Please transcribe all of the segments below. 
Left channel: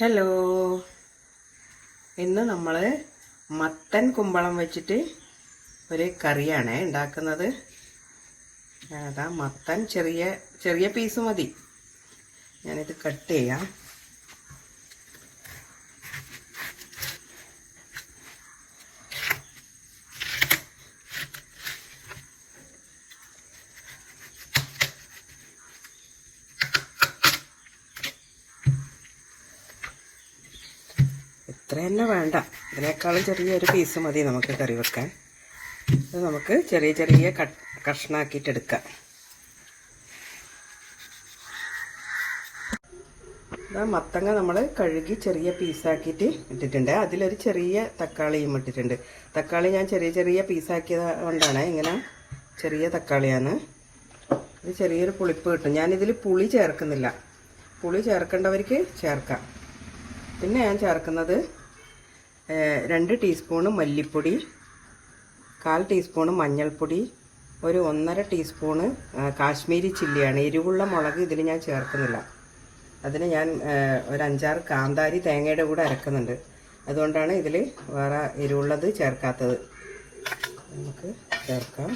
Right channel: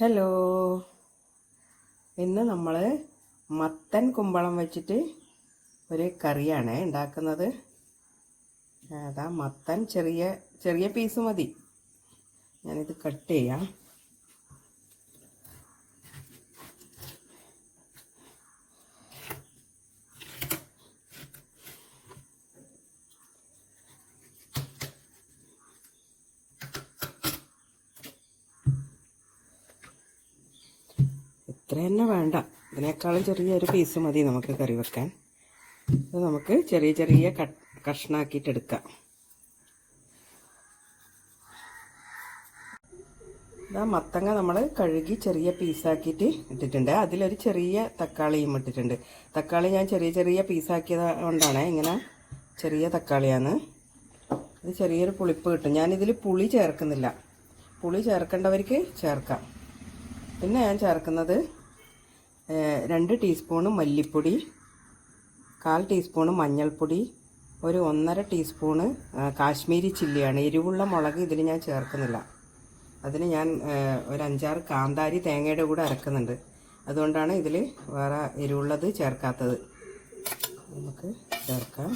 Hello, ഇന്ന് നമ്മൾ മത്തൻ കുമ്പളം വെച്ചിട്ട് ഒരു കറിയാണ് ഉണ്ടാക്കുന്നത്. അതാ മത്തൻ ചെറിയ ചെറിയ പീസ് മതി. ഞാനിത് കട്ട് ചെയ്യാം. ഇത്ര തന്നെ വേണ്ട, ഇതിനേക്കാളും ചെറിയൊരു പീസ് മതി നമുക്ക് കറി വെക്കാൻ. അത് നമുക്ക് ചെറിയ ചെറിയ കഷ്ണാക്കിയിട്ടെടുക്കാം. മത്തങ്ങ നമ്മൾ കഴുകി ചെറിയ പീസാക്കിയിട്ട് ഇട്ടിട്ടുണ്ട്. അതിലൊരു ചെറിയ തക്കാളിയും ഇട്ടിട്ടുണ്ട്. തക്കാളി ഞാൻ ചെറിയ ചെറിയ പീസാക്കിയത് കൊണ്ടാണ് ഇങ്ങനെ. ചെറിയ തക്കാളിയാണ്. ഇത് ചെറിയൊരു പുളിപ്പ് കിട്ടും. ഞാനിതിൽ പുളി ചേർക്കുന്നില്ല. പുളി ചേർക്കേണ്ടവർക്ക് ചേർക്കാം. പിന്നെ ഞാൻ ചേർക്കുന്നത് 2 ടീസ്പൂണ് മല്ലിപ്പൊടി, 1/4 ടീസ്പൂണ് മഞ്ഞൾപ്പൊടി, ഒരു 1.5 ടീസ്പൂണ് കാശ്മീരി ചില്ലിയാണ്. എരിവുള്ള മുളക് ഇതിൽ ഞാൻ ചേർക്കുന്നില്ല. അതിന് ഞാൻ ഒരു 5-6 കാന്താരി തേങ്ങയുടെ കൂടെ അരക്കുന്നുണ്ട്. അതുകൊണ്ടാണ് ഇതിൽ വേറെ എരിവുള്ളത് ചേർക്കാത്തത്. നമുക്ക് ചേർക്കാം.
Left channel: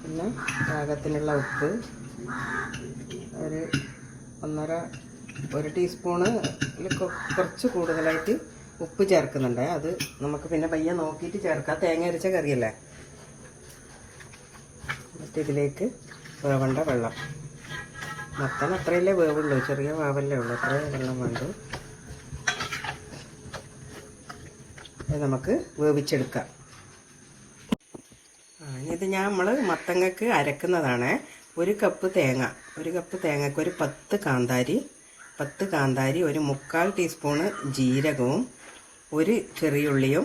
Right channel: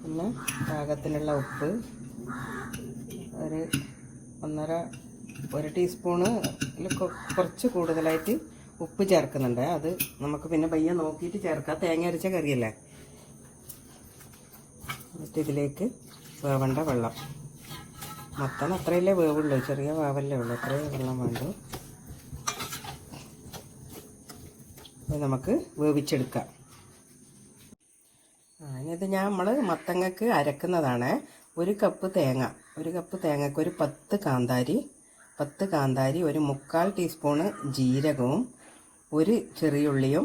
പിന്നെ പാകത്തിനുള്ള ഉപ്പ് ഒരു ടീസ്പൂണ് കുറച്ച് കൂടുതലായിട്ട് ഉപ്പ് ചേർക്കുന്നുണ്ട്. അത് നമുക്ക് പിന്നെ പയ്യെ നോക്കിയിട്ട് ചേർക്കാം. തേങ്ങ അരച്ച കറിയല്ലേ. എന്നിട്ട് ഇതിലേക്ക് വേവേണ്ട വെള്ളം. മത്തൻ അത്രയല്ലേ വേവുള്ളൂ, ചെറിയ വാവല്ലേ ഉള്ളൂ. അത്രയും വെള്ളം വേണ്ടു. അത് നമുക്ക് വേവിച്ചെടുക്കാം. ഇത് നമ്മൾ മത്തങ്ങക്ക് അരക്കുന്നതാണ്. 1 കപ്പ് തേങ്ങക്ക് ഒരു 10 കാന്താരി, ഒരു 3/4 ടീസ്പൂണ് ജീരകവും, 1 ചെറിയുള്ളിയും,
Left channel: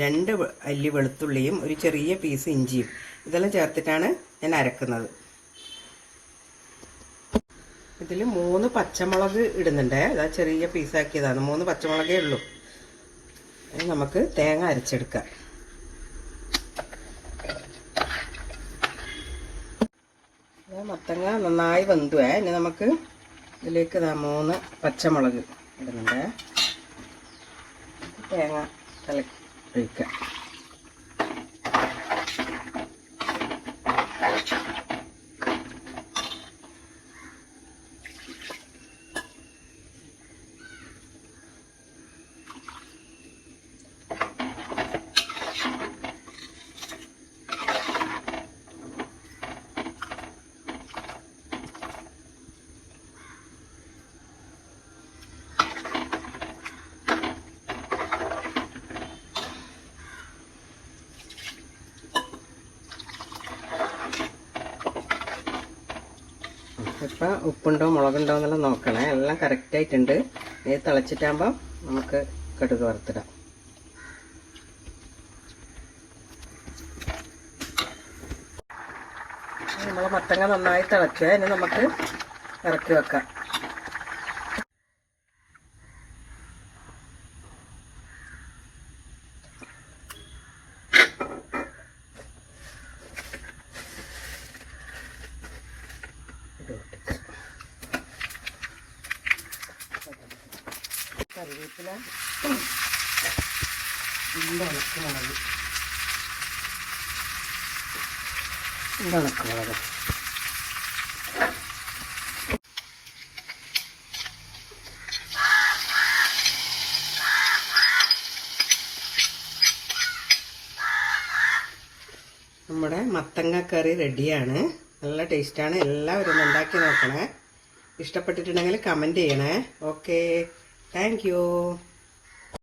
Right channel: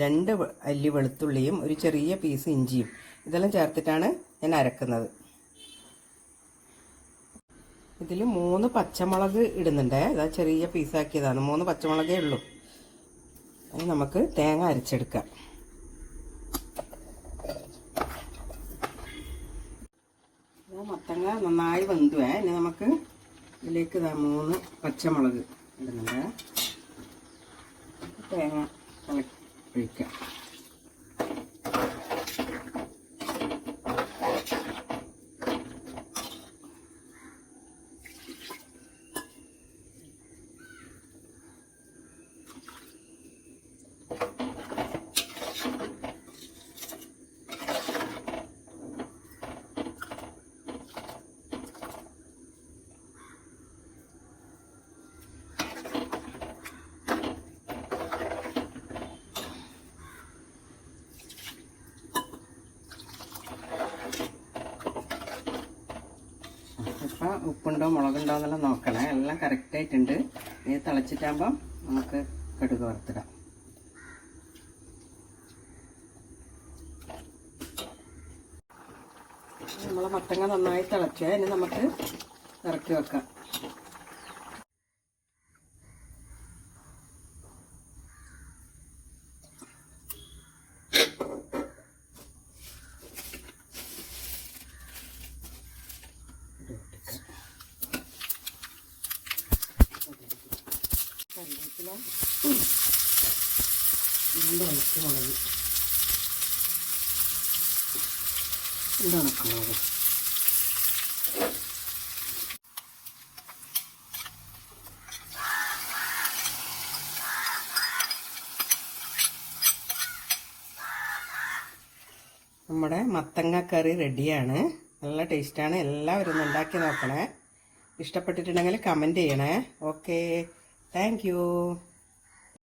2 അല്ലി വെളുത്തുള്ളിയും, ഒരു ചെറിയ പീസ് ഇഞ്ചിയും, ഇതെല്ലാം ചേർത്തിട്ടാണ് ഞാൻ അരക്കുന്നത്. ഇതിൽ 3 പച്ചമുളക് ഇടുന്നുണ്ട്. അതാ ചെറിയ പീസാക്കിയതാണ്. 3 പച്ചമുളകേ ഉള്ളൂ. അത് നമുക്ക് തേങ്ങ അരച്ചെടുക്കാം. മത്തങ്ങ നന്നായി വെന്തുവേ. ഇനി നമുക്ക് ഇതിലേക്ക് 3 പച്ചമുളക് ഇടുന്നുണ്ട്. തേങ്ങ ഒഴിക്കാം. ഇപ്പം ഉപ്പുണ്ടോ മുളകുണ്ടോ എന്നെല്ലാം നോക്കണേ. എല്ലാം കറക്റ്റായിട്ടുണ്ട്. ഇത് തിളച്ചിട്ടാകുമ്പോൾ നമുക്ക് കടുക് വറുത്തിടാം. നമ്മൾ മത്തങ്ങ നന്നായി തിളച്ച് ഇനി നമുക്ക് ഇറക്കി വെക്കാം. കറിവേപ്പില, ഉണക്കമുളക്, ഉണക്കമുളക്, നമ്മുടെ മത്തങ്ങ കറി റെഡിയാണ്. നല്ല ടേസ്റ്റാണ്. എല്ലാവരും ഒന്ന് ഉണ്ടാക്കി നോക്കണേ. ഇഷ്ടപ്പെട്ടിട്ടുണ്ടെങ്കിൽ കമൻറ്റ് ചെയ്യണേ. Okay, thank you.